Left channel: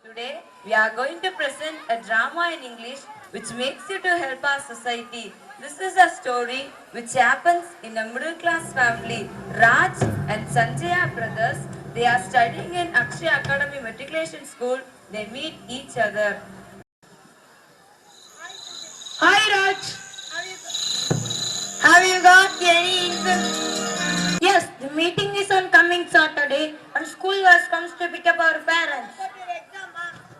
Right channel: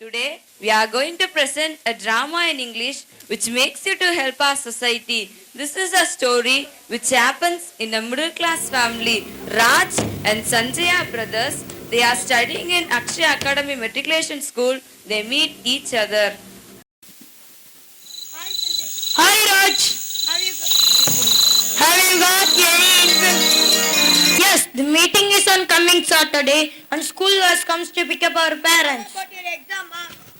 Today, we are going to present a drama in English which makes you to help our society. This is a story which happens in a middle class family. Raj and Sanjaya brothers, they are studying in Akshay Academy Matriculation School. They meet each other. Hi Raj, have you got any interest? Yes, the meeting is on coming Saturday and school bus comes to pick up our parents. But your exam,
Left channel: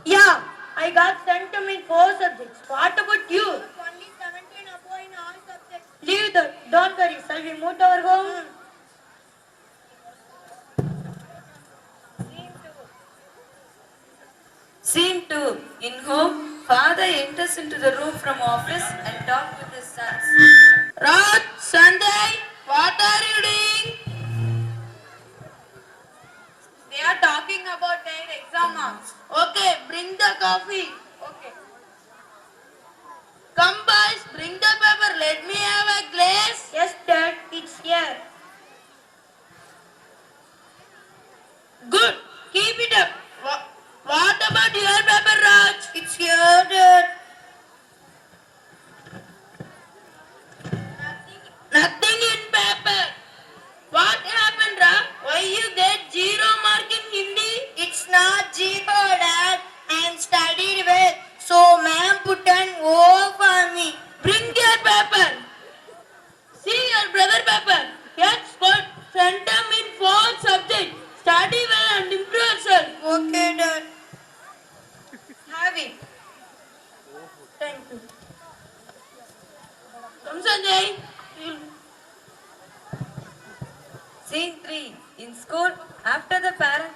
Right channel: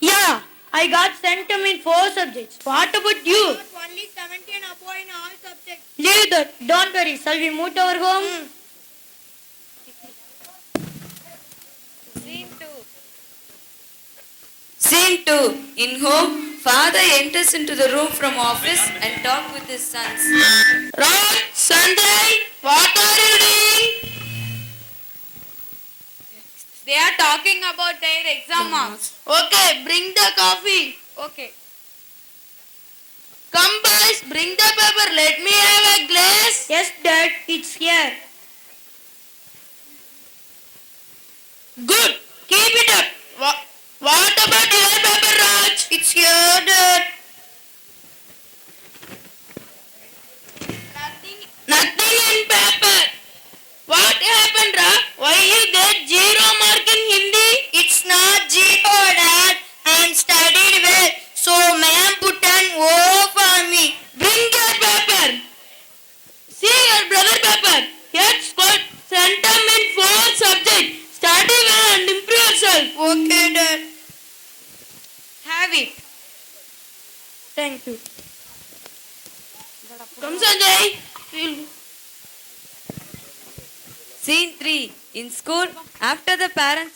Yeah, I got sent to in 4 subjects. What about you? only 17 above in all subjects. Leave that, don't worry. Shall we move to our home? Scene 2. In home, father enters into the room from office and talks with his sons. Raj, Sunday, what are you doing? They are talking about their exam marks. Okay, bring the coffee. Okay. Come boys, bring the paper. Let me have a glass. Yes, Dad, it's here. Good. Keep it up. What about your paper, Raj? It's here, Dad. Nothing in paper. What happened, Raj? Why you get 0 mark in Hindi? It's not zero, Dad. I'm studying well, so ma'am put an O for me. Bring your paper. See your brother paper. Here's got sent him in 4 subjects. Study well and improve yourself. Okay, Dad. Have it. Thank you. Come, Sanjay. Scene 3. In school, after the parent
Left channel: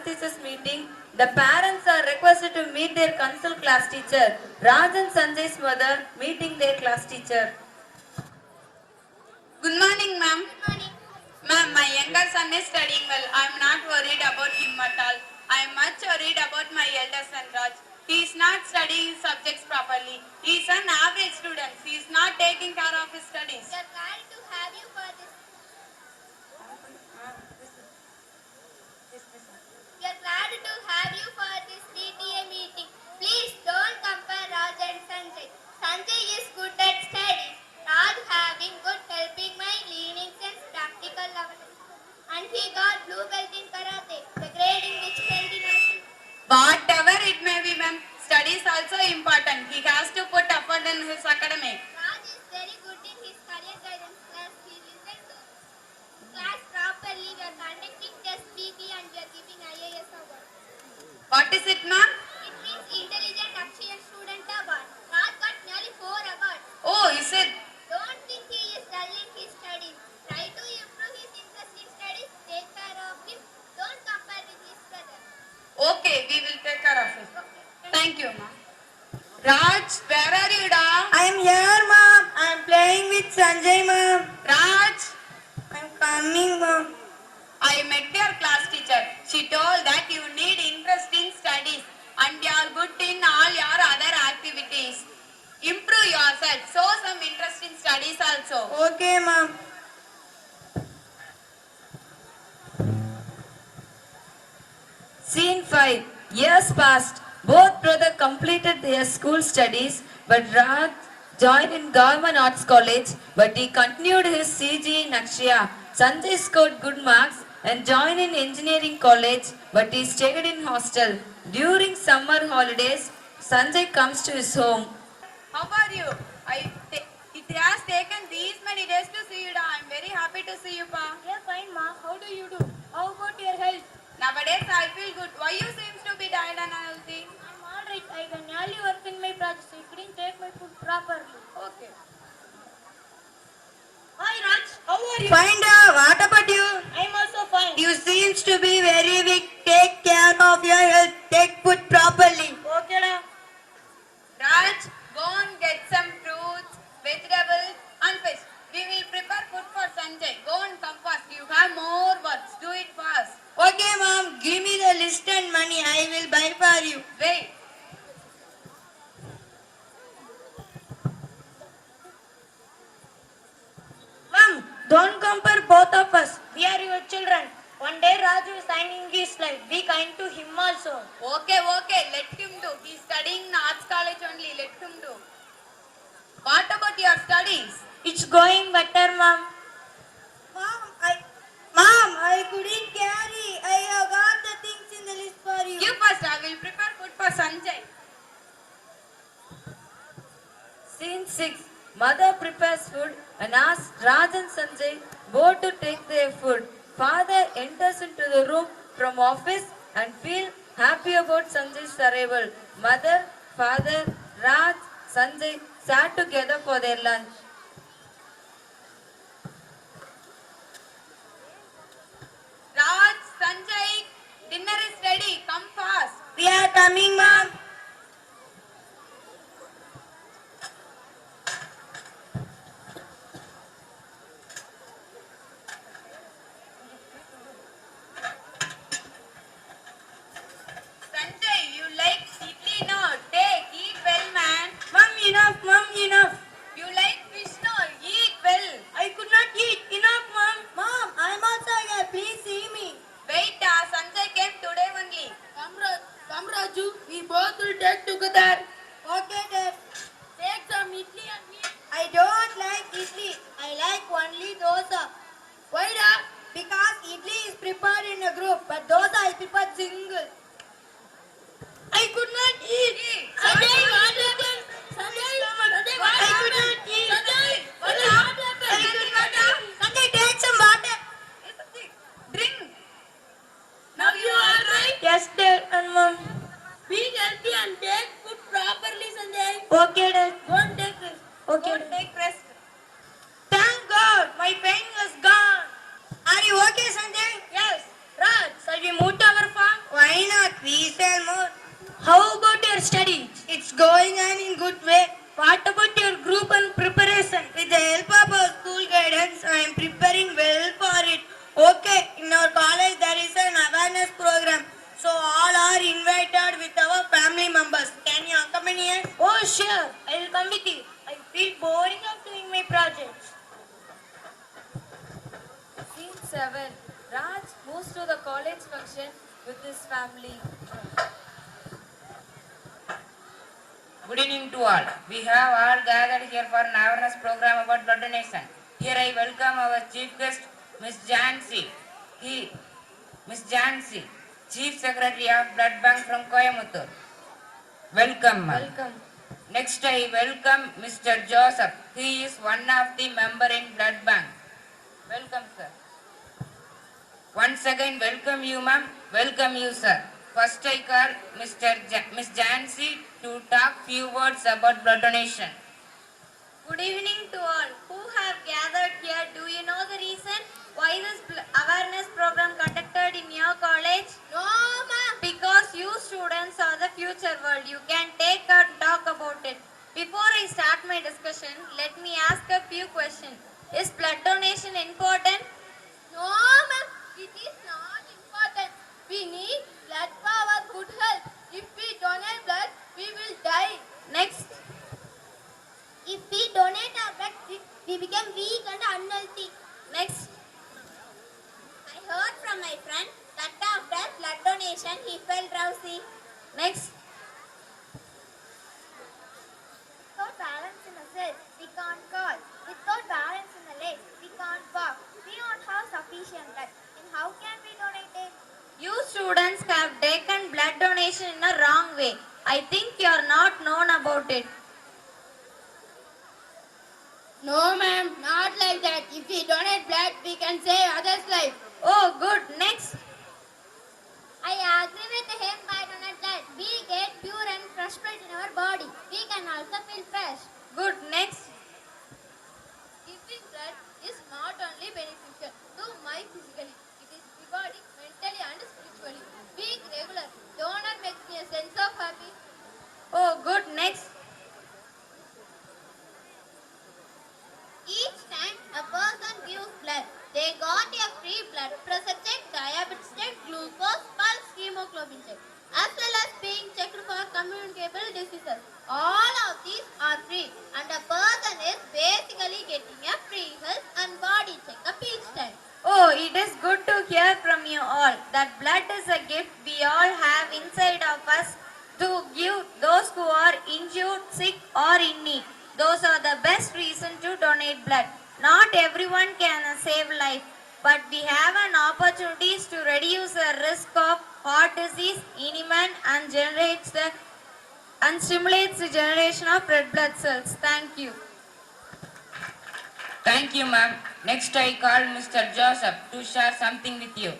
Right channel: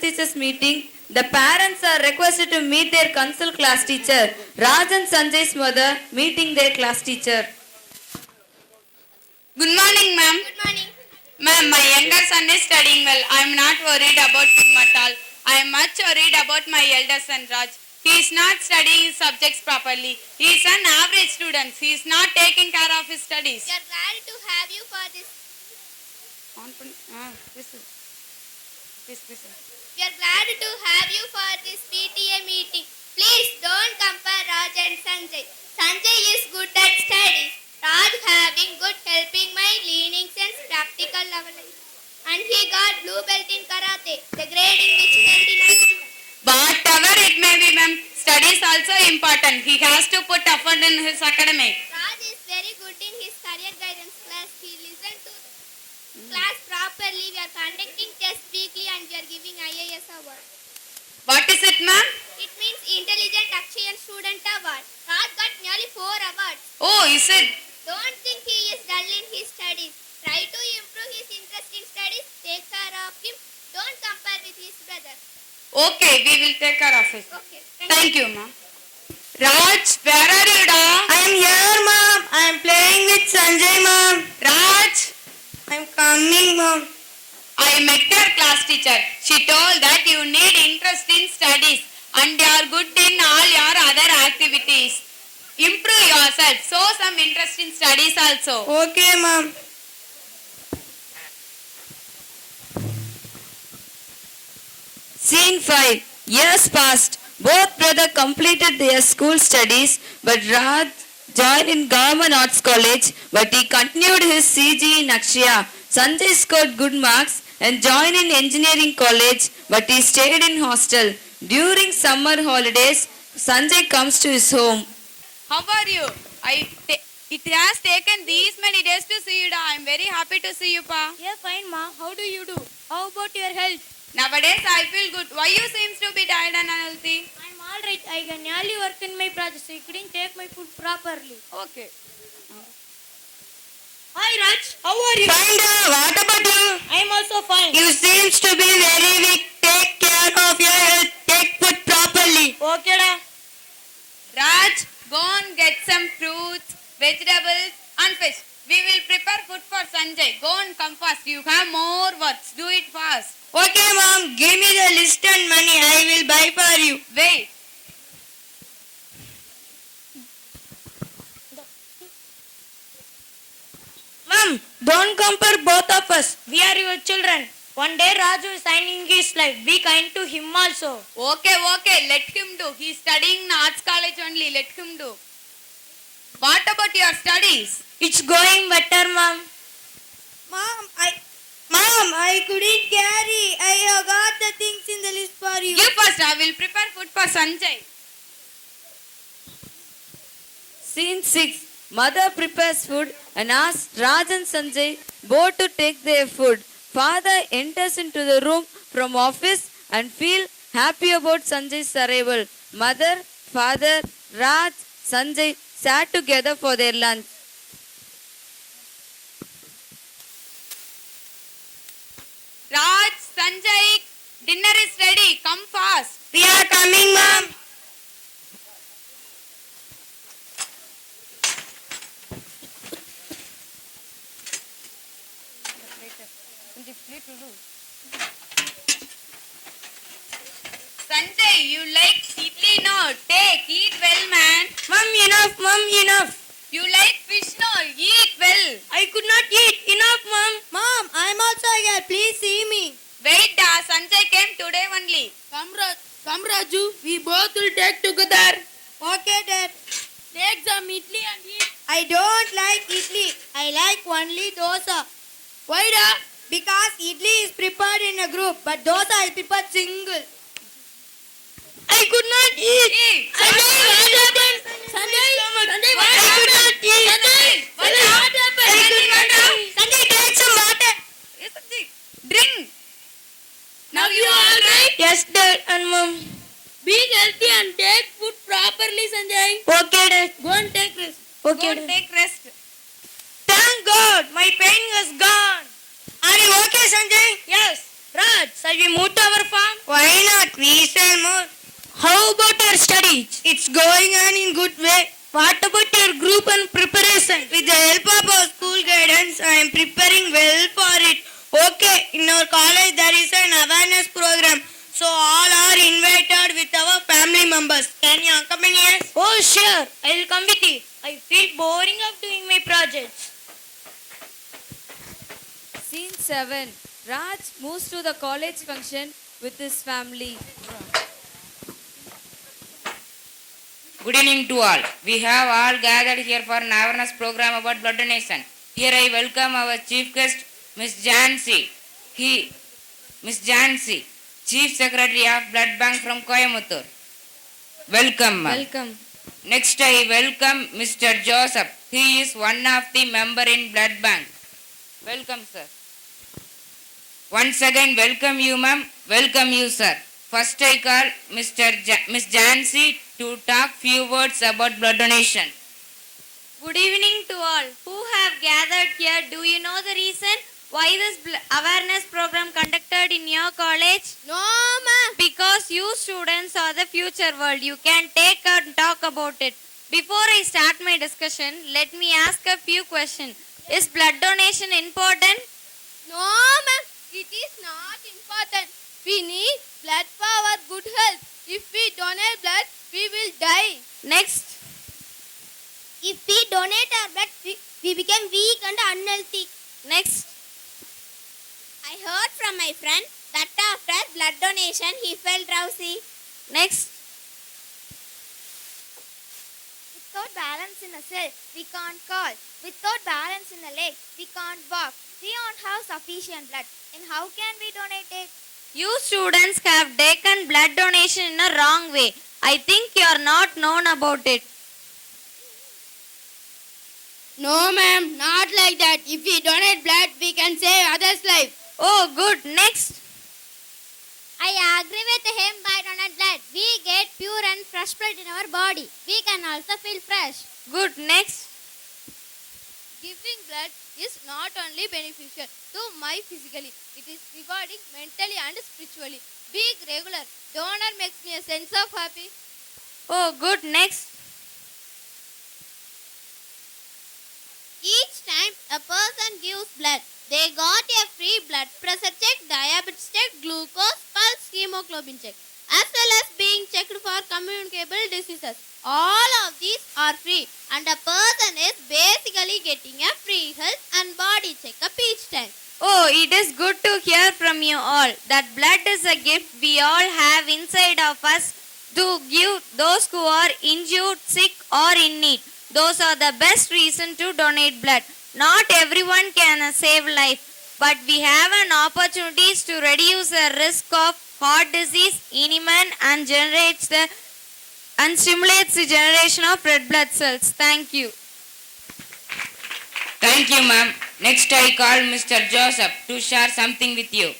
teachers meeting, the parents are requested to meet their consult class teacher. Raj and Sanjay's mother meeting their class teacher. Good morning, ma'am. Good morning. Ma'am, my younger son is studying well. I am not worried about him at all. I am much worried about my elder son, Raj. He is not studying his subjects properly. He is an average student. He is not taking care of his studies. We are glad to have you for this. We are glad to have you for this PTA meeting. Please don't compare Raj and Sanjay. Sanjay is good at studies. Raj having good helping mind, learning sense, practical knowledge. And he got blue belt in karate. The grade in which very much. Whatever it may be, ma'am, studies also important. He has to put effort in his academic. Raj is very good in his career guidance class. He listens to class properly. We are conducting tests weekly and we are giving IAS award. What is it, ma'am? It means Intelligent Akshayan Student Award. Raj got nearly 4 awards. Oh, is it? Don't think he is dull in his studies. Try to improve his interest in studies. Take care of him. Don't compare with his brother. Okay, we will take care of it. Okay. Thank you, ma'am. Raj, where are you, da? I'm here, Mom. I'm playing with Sanjay, Mom. Raj, I'm coming, Mom. I met your class teacher. She told that you need interest in studies and you are good in all your other activities. Improve yourself. Show some interest in studies also. Okay, Mom. Scene 5. Years passed. Both brothers completed their school studies, but Raj joined in Government Arts College, but he continued his CG in Akshaya. Sanjay scored good marks and joined in Engineering College, but he stayed in hostel. During summer holidays, Sanjay comes to his home. How are you? It has taken these many days to see you, da. I am very happy to see you, pa. Yeah, fine, Ma. How do you do? How about your health? Nowadays I feel good. Why you seems to be tired and unhealthy? I'm alright. I can nearly work in my project. I couldn't take my food properly. Okay. Hi, Raj. How are you? Fine, what about you? I'm also fine. You seems to be very weak. Take care of your health. Take food properly. Okay, da. Raj, go and get some fruits, vegetables and fish. We will prepare food for Sanjay. Go and come fast. You have more works. Do it fast. Okay, Mom. Give me the list and money. I will buy for you. Wait. Mom, don't compare both of us. We are your children. One day Raju is signing his life. Be kind to him also. Okay, let him do. He's studying in arts college only. Let him do. What about your studies? It's going better, ma'am. Mom, I couldn't carry. I have got the things in the list for you. Give first. I will prepare food for Sanjay. Scene 6. Mother prepares food and asks Raj and Sanjay both to take their food. Father enters into the room from office and feel happy about Sanjay's arrival. Mother, father, Raj, Sanjay sat together for their lunch. Raj, Sanjay, dinner is ready. Come fast. We are coming, ma'am. Sanjay, you like idli? No. Take. Eat well, man. Mom, enough. You like fish? No. Eat well. I could not eat. Enough, mom. Mom, I'm also here. Please see me. Wait, Sanjay came today only. Come, Raju. We both will take together. Okay, Dad. Take some idli and eat. I don't like idli. I like only dosa. Why, Dad? Because idli is prepared in a group, but dosa is prepared single. I could not eat. Sanjay, what happened? Sanjay, I could not eat. What happened? Sanjay, take some water. Yes, Sanjay. Drink. Now you are right? Yes, Dad and Mom. be healthy and take food properly, Sanjay. Okay, Dad. Go and take rest. Okay, Go Dad. take rest. Thank God, my pain is gone. Are you okay, Sanjay? Yes. Raj, shall we move to our farm? Why not? We sell more. How about your studies? It's going on in good way. What about your group and preparation? With the help of our school guidance, I am preparing well for it. Okay, in our college there is an awareness program. So all are invited with our family members. Can you accompany us? Oh, sure. I will come with you. I feel boring of doing my projects. Scene 7. Raj moves to the college function with his family. Good evening to all. We have all gathered here for an awareness program about blood donation. Here I welcome our chief guest, Miss Jansi. Miss Jansi, Chief Secretary of Blood Bank from Coimbatore. Welcome, ma'am. Welcome. Next I welcome Mr. Joseph. He is one of the member in Blood Bank. Welcome, sir. Once again, welcome you, ma'am. Welcome you, sir. First I call Miss Jansi to talk few words about blood donation. Good evening to all who have gathered here. Do you know the reason why this awareness program conducted in your college? No, ma'am. Because you students are the future world. You can take and talk about it. Before I start my discussion, let me ask a few questions. Is blood donation important? No, ma'am. It is not important. We need blood for our good health. If we donate blood, we will die. Next. If we donate our blood, we become weak and unhealthy. Next. I heard from my friend that after blood donation he felt drowsy. Next. Without balance in a cell, we can't call. Without balance in a leg, we can't walk. We don't have sufficient blood. And how can we donate it? You students have taken blood donation in a wrong way. I think you are not known about it. No, ma'am, not like that. If we donate blood, we can save others' life. Oh, good. Next. I agree with him. By donate blood, we get pure and fresh blood in our body. We can also feel fresh. Good. Next. Giving blood is not only beneficial to my physically, it is rewarding mentally and spiritually. Being regular donor makes me a sense of happy. Oh, good. Next. Each time a person gives blood, they got a free blood pressure check, diabetes check, glucose, pulse, hemoglobin check, as well as being checked for communicable diseases. All of these are free, and a person is basically getting a free health and body checkup each time. Oh, it is good to hear from you. donate blood. Not everyone can save life, but we have an opportunity to reduce the risk of heart disease, anemia, and stimulates the generation of red blood cells. Thank you. Thank you, ma'am. Next, I call Mr. Joseph to share something with you.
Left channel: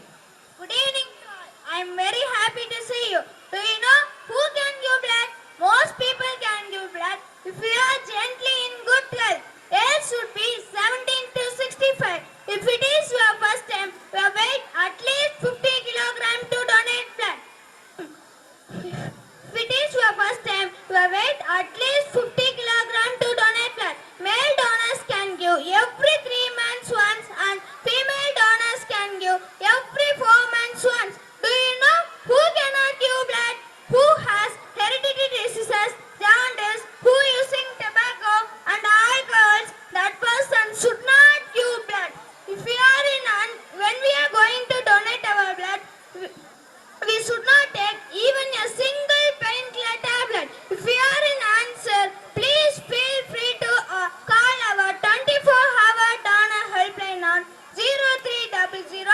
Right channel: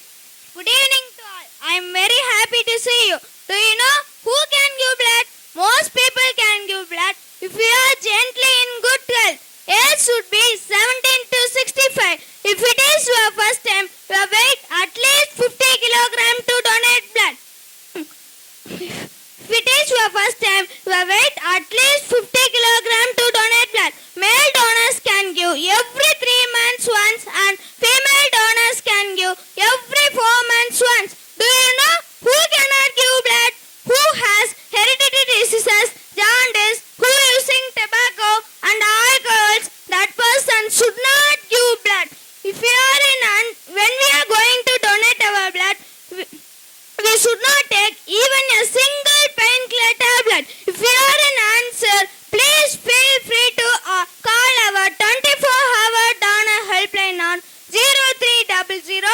Good evening to all. I am very happy to see you. Do you know who can give blood? Most people can give blood if you are gently in good health. Age should be 17 to 65. If it is your first time, you weight at least 50 kilogram to donate blood. If it is your first time, you weight at least 50 kilogram to donate blood. Male donors can give every 3 months once and female donors can give every 4 months once. Do you know who cannot give blood? Who has hereditary diseases, jaundice, who using tobacco and alcohols? That person should not give blood. If we are when we are going to donate our blood, we should not take even a single painkiller tablet. If you are an answer, please feel free to call our 24-hour donor helpline on 0300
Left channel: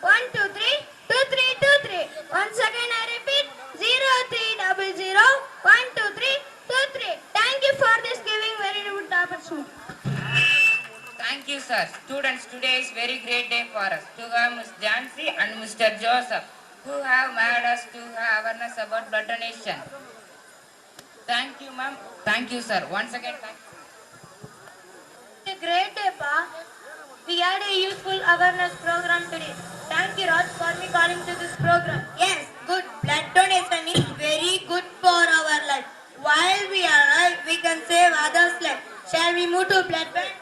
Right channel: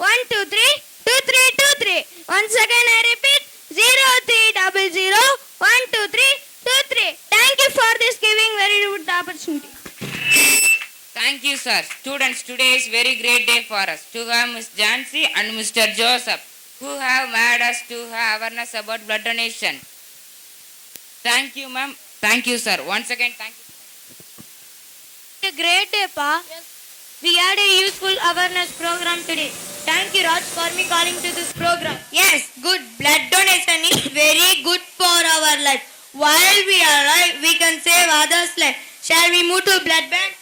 123 2323. Once again I repeat 0300 123 23. Thank you for this giving very good opportunity. Thank you, sir. Students, today is very great day for us to have Miss Jancy and Mr. Joseph, who have made us to have awareness about blood donation. Thank you, ma'am. Thank you, sir. Once again, thank you. A great day, Pa. We had a useful awareness program today. Thank you, Raj, for me calling to this program. Yes, good. Blood donation is very good for our life. While we are alive, we can save others' life. Shall we move to blood bank?